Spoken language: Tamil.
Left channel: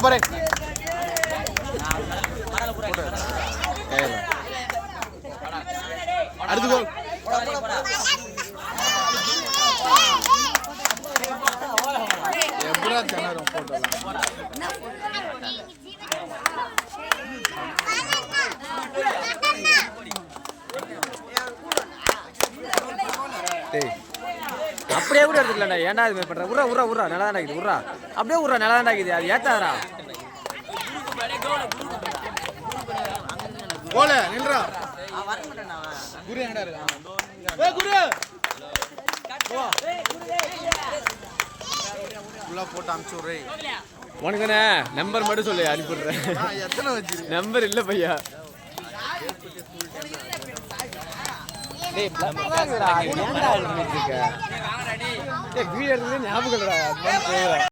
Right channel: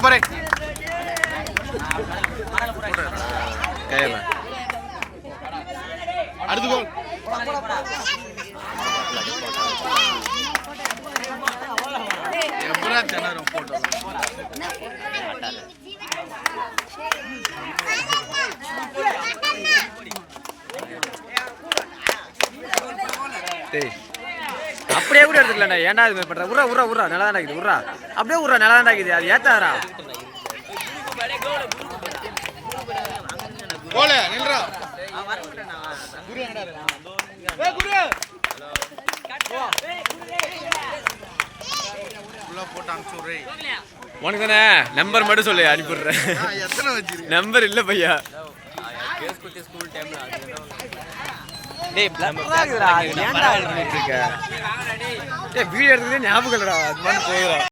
பாரு அடுத்து எப்படா திணறும் போட்டோ அப்படியே கூட எடுத்துக்கலாம்டா. ஏன்டா இது பண்ற? உர்றா உர்றா உர்றா நல்லா தான் இருக்குது. உர்றா அப்படியே உர்றா நல்லா தான் இருக்குது. அது ஏத்தாரா போல நின்றா குரு என்னடா இருக்கு ஏய் குரு உள்ள போட்டு அனுப்பிச்சு விடுறே. உனக்கு தானே நம்பர் மட்டும் சொல்லு அனுப்பிடுறேன். எத்தனை வச்சிருக்க நம்பர் இல்லை பையா. டேய் ஏன்டா பண்ணிட்டு இருக்க? டேய் வீடியோ எடுத்துக்கிட்டே ஞாபகம் இல்லடா. அது மாதிரி போகுதுடா.